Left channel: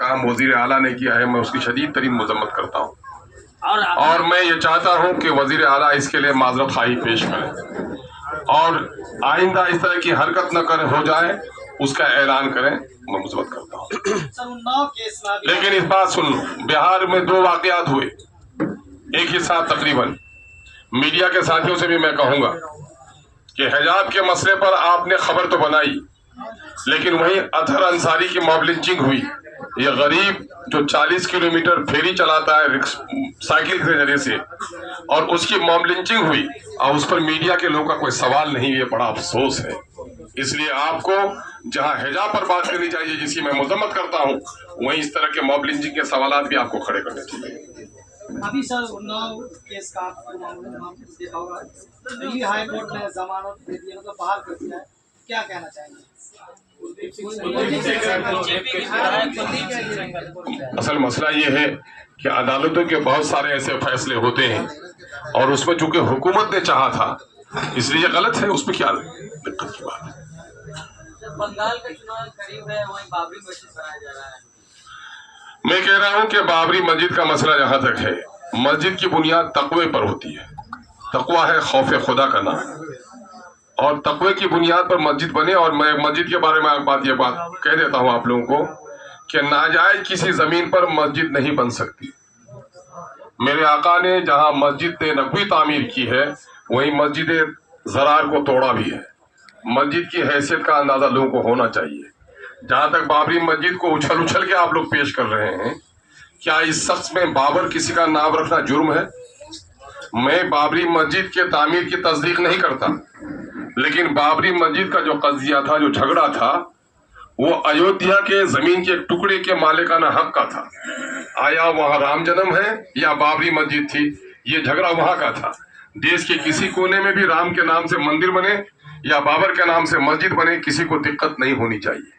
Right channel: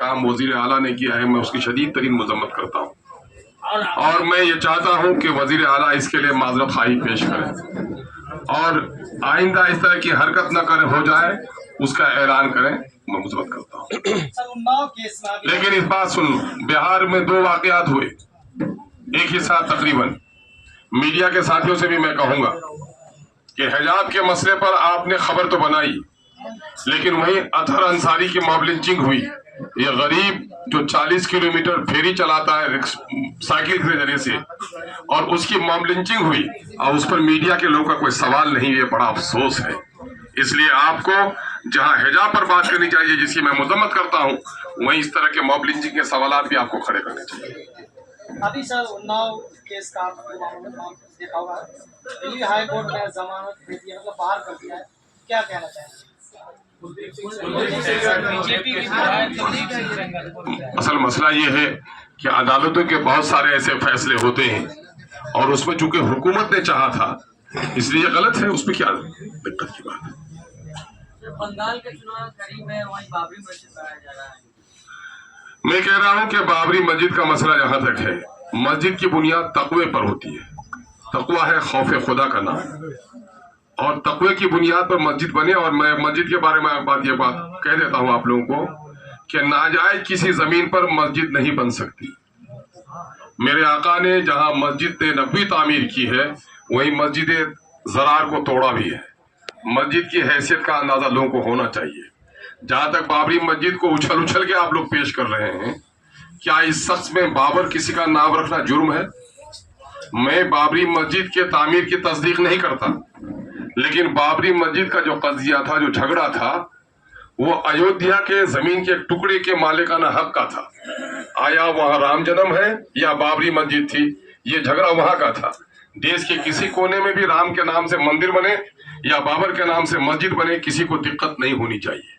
काम वजीर आला ने किया है, मैं उसकी शदीद तरीन मजम्मत करता हूँ और मैं ये चाहता हूँ कि वजीर आला इसके लिए माजरत खाही पेश करें और आइंदा इस तरह की हरकत न करे हो जाए उसका ऐलान करें। मैं मुजम्मत करता हूँ। लेकिन इस बात सुन, बिहार में 2 वाकयात हुए एक ही साथ तकरीबन। मीडिया के साथियों से भी मैं कहूंगा कि हिजाब के मसले पर आपने खबर तो बनाई, लेकिन वहीं अतहर अंसारी की मॉब लिंचिंग हुई। ये गरीब जो 40 किलोमीटर फेरी चलाता है साइकिल के जरिए से, और उसकी मॉब लिंचिंग हुई और उस पर मीडिया के लोगों का कोई सवाल नहीं। ये बड़ा अफसोस है। इसलिए आपको जहां हिजाब पर बात करनी चाहिए, जिसकी मैं मजम्मत करता हूं, वहीं इस तरह के मॉब लिंचिंग के सवाल भी आपको खड़े करने चाहिए। अभी सर उन्नाव केस का नाम देखा होगा, दिल्ली हाई कोर्ट ने जमानत दे दी, मतलब बाहर कर दिया है, क्या कहना चाहेंगे? असल मसला ये है कि अदालतों के बहुत सारे ऐसे फैसले होते हैं और उसमें चूंकि हुकूमत ने चाहा था इसलिए गलत है, उसमें क्या दिक्कत की बात है। बंगाल का चुनाव करीब है, वहीं बाबरी मस्जिद बनाया जा रहा है। मैं कह रहा हूं कि बाबरी मस्जिद का मसला जहां तक है, मस्जिद की बुनियाद तकवे पर होती है। तकवा है खौफ खुदा का नाम, और तकवे की बुनियाद पर मस्जिद बने। और मैं मस्जिद के बारे में ये बात कह देता हूं आप लोगों को कि नाजायज किसी जमीन पर मस्जिद नहीं बन सकती। मेरे आका ने जहां मस्जिद नबवी तामीर की है, वहीं मस्जिद ज़रार को तोड़ा भी है। मस्जिद की हैसियत का अंदाजा लोगों को होना चाहिए। जहां तक बाबरी मस्जिद को उछल उछल के आप लोग पेश कर रहे हैं, क्या इस शख्स में बाबर किसी का नाम रखना जुर्म है? मैं बाबरी मस्जिद के तामीर की तस्दीक नहीं करता, लेकिन बाबरी मस्जिद का जो कज़िया था, जो झगड़ा था, वो अयोध्या के जमीन के टुकड़े के मालिकाना हक का था। आया वहां राम जन्म है या बाबरी मस्जिद थी, ये झगड़ा वहां का था। देश के किसी कोने में भी राम के नाम से मंदिर बने या बाबर के नाम से मस्जिद बने, किसी को दिक्कत नहीं होनी चाहिए।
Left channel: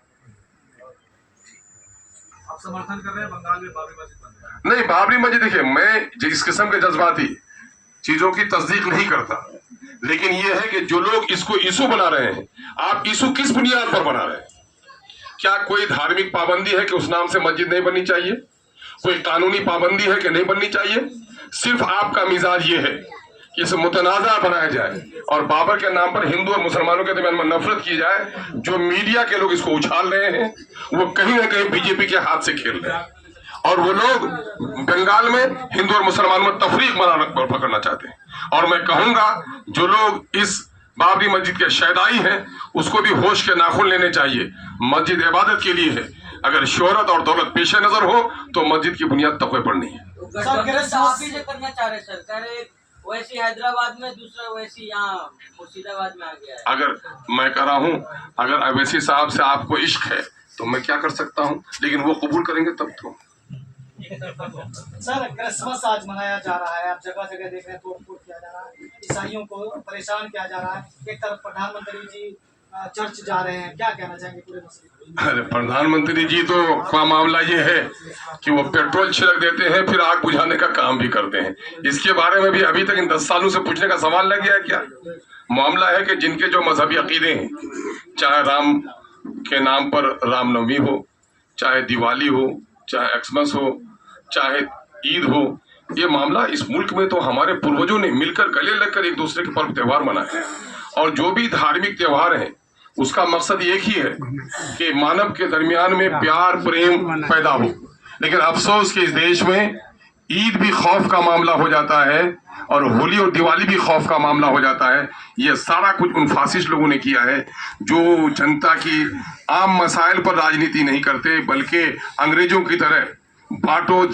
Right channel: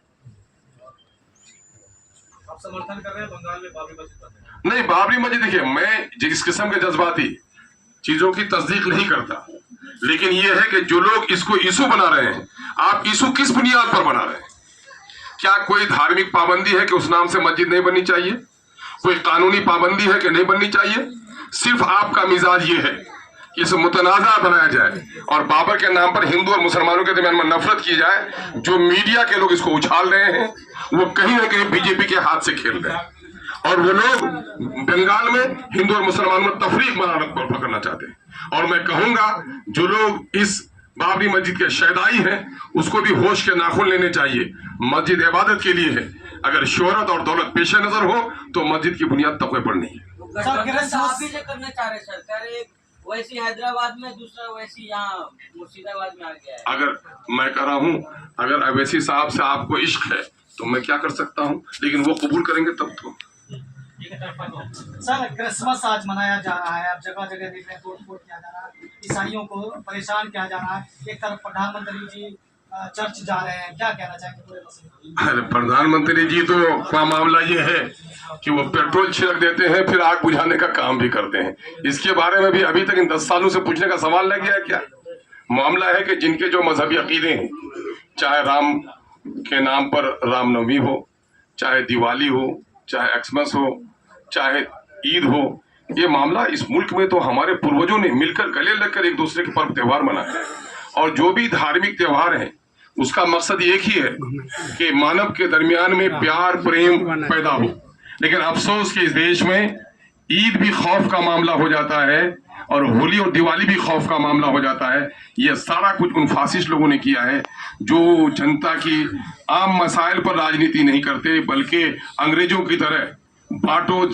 आप समर्थन कर रहे हैं बंगाल में बाबरी मस्जिद बनने? नहीं, बाबरी मस्जिद देखिए, मैं जिस किस्म के जज्बाती चीजों की तस्दीक नहीं करता, लेकिन यह है कि जो लोग इसको इशू बना रहे हैं, आप इशू किस बुनियाद पर बना रहे हैं? क्या कोई धार्मिक पाबंदी है कि उस नाम से मस्जिद नहीं बननी चाहिए? कोई कानूनी पाबंदी है कि नहीं बननी चाहिए? सिर्फ आपका मिजाज ये है कि इसे मुतनाज़ा बनाया जाए और बाबर के नाम पर हिंदू और मुसलमानों के दरमियान में नफरत की जाए। जो मीडिया के लोग इसको उछाल रहे हैं, वो कहीं ना कहीं बीजेपी के हाथ से खेल रहे हैं और वो लोग बंगाल में हिंदू और मुसलमानों में तफरीक पकड़ना चाहते हैं। और मैं कहूंगा जो लोग इस बाबरी मस्जिद के शहदाई हैं, उसको भी होश के नाखून लेने चाहिए। मस्जिद इबादत के लिए है, अगर शोहरत और दौलत पेश नजर हो तो मस्जिद की बुनियाद तकवे पर नहीं है। करना चाह रहे सर, कह रहे वैसी हैदराबाद में, दूसरा वैसी यहाँ मुर्शिदाबाद में आ गया है। अगर मैं कह रहा हूँ, अगर अवैसी साहब से आपको इश्क है तो मैं क्या कर सकता हूँ, लेकिन वो कबूल करेंगे तब तो। सर क्रिसमस आज मनाया जा रहा है, आप जगह जगह देख रहे हैं, तोड़ फोड़ किया जा रहा है, ईसाइयों को परेशान किया जा रहा है। एक तरफ प्रधानमंत्री जी चर्च जा रहे हैं, क्या कहना चाहेंगे पूरे मसले? अरे प्रधानमंत्री जी तो का मामला ये है कि वो पेट्रोल छिड़क देते हैं, फिर आग बुझाने का काम भी करते हैं। इसके बारे में भी अभी तक इन 10 सालों से पूछने का सवाल लग गया है क्या? मामला है कि जिनके जो मजहबी अकीदे हैं, चाहे राम के नाम पर रामनवमी हो, चाहे दिवाली हो, चाहे एक्समस हो, चाहे ईद हो, ये मामला इस मुल्क में तो हमारे पूर्वजों ने मिलकर गले लगकर एक दूसरे के पर्व त्योहार मनाए हैं। और जो भी धार्मिक त्योहार हैं, उसका मकसद एक ही है कि मानव के दरमियान में प्यार प्रेम पैदा हो। लेकिन अफसोस कि इस देश में ईद भी खौफ का मामला हो जाता है और होली और दिवाली भी खौफ का मामला हो जाता है। ये सारा कुछ उन फासिस्ट लोगों ने किया है जो जनता की आम मसाइल पर राजनीति नहीं करते, बल्कि अंग्रेजों की तरह बांटो